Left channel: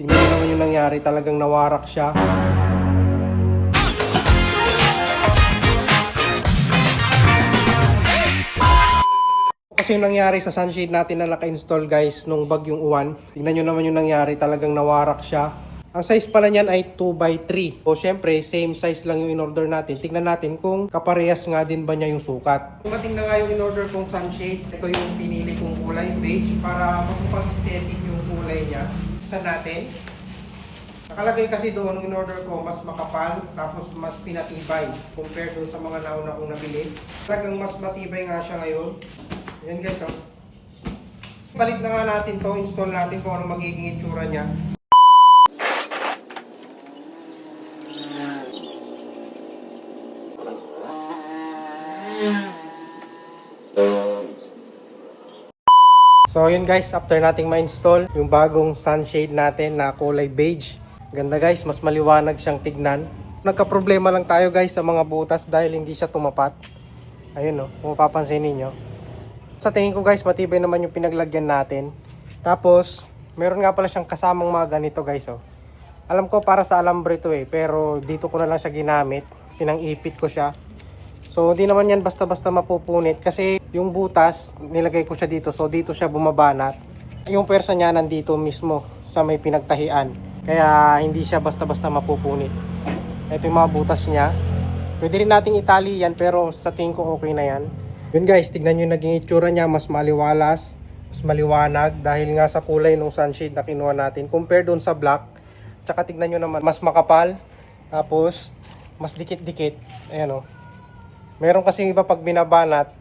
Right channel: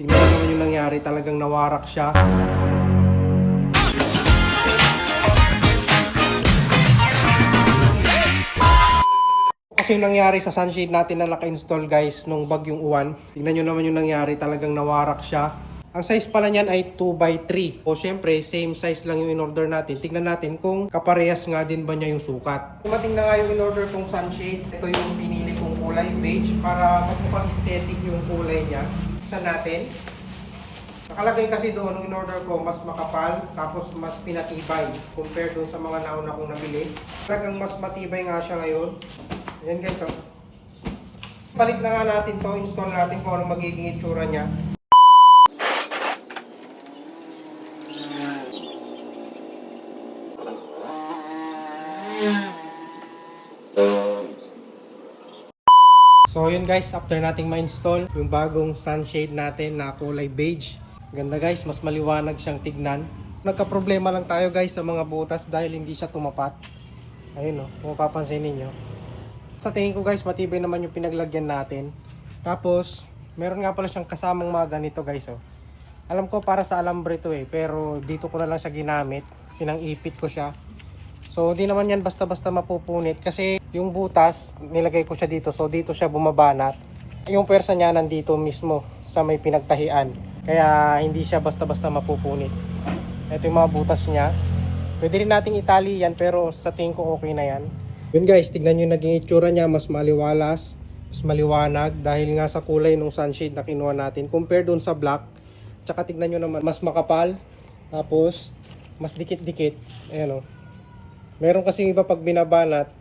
Tingnan nyo naman yung nangyari, talagang nawarak siya. Kasi yung nangyari sa sunshade natin na naka-install guys nung bagyong uwan. Tingnan nyo naman yung nangyari, talagang nawarak siya. Ang size pala niyan ay 2x3. O syempre, same size lang yung in-order natin. Tingnan natin kung kaparehas nga din ba niya yung sukat. Dumating na nga yung in-order kong sunshade. Ito yung pinili kong kulay, beige, para magpapag-aesthetic yung kulay niya. Isa natin. Nakalagay kasi doon yung in-order ko, mas makapal, tapos mas pinatibay compared doon sa mga nauna kong nabili. Talagang mas matibay nga siya ngayon. Yan guys, oh. Palit na nga natin to, install natin kung anong magiging itsura niya. So yun guys, after nating ma-install yung bagong sunshade natin na kulay beige. Ganda guys, mas maliwanag siyang tignan. Nagka-problema lang tayo guys sa mga butas dahil hindi siya tumapat. Ayun kung mapapansin niyo. Sa tingin ko guys, matibay naman yung pinaglagyan natin. Tapos, meron nga pala siyang kasamang mga ganito guys. Alam ko para sa alambre to pero dito ko na lang siya ginamit. Pinang-ipit ko siya. So, hindi naman yan basta-basta mapupunit kasi yung butas, nilagay ko siya dito. So, dito siya bumabanat. Yung pwersa niya nandito mismo sa may pinagtahian. Kaya, hindi siya basta-basta mapupunit. Ito yung mga butas niya. Pwede rin nating itali yan pero sa tingin ko okay na yan. Yun guys, tignan nyo yung naging itsura niya. Mas maliwalas, mas maliwanag dahil nga sa kulay ng sunshade na kinuha natin. Compare doon sa black. Tsaka tignan nyo naman, mas makapal. Tapos, mas dikit-dikit. Ayan Meron kasi iba pag binabanat,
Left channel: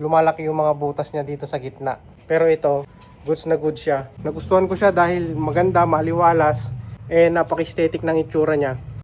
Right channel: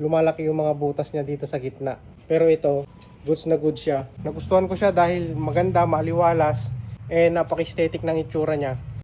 lumalaki yung mga butas niya dito sa gitna. Pero ito, goods na good siya. Nagustuhan ko siya dahil maganda, maliwalas, napaka-aesthetic ng itsura niya.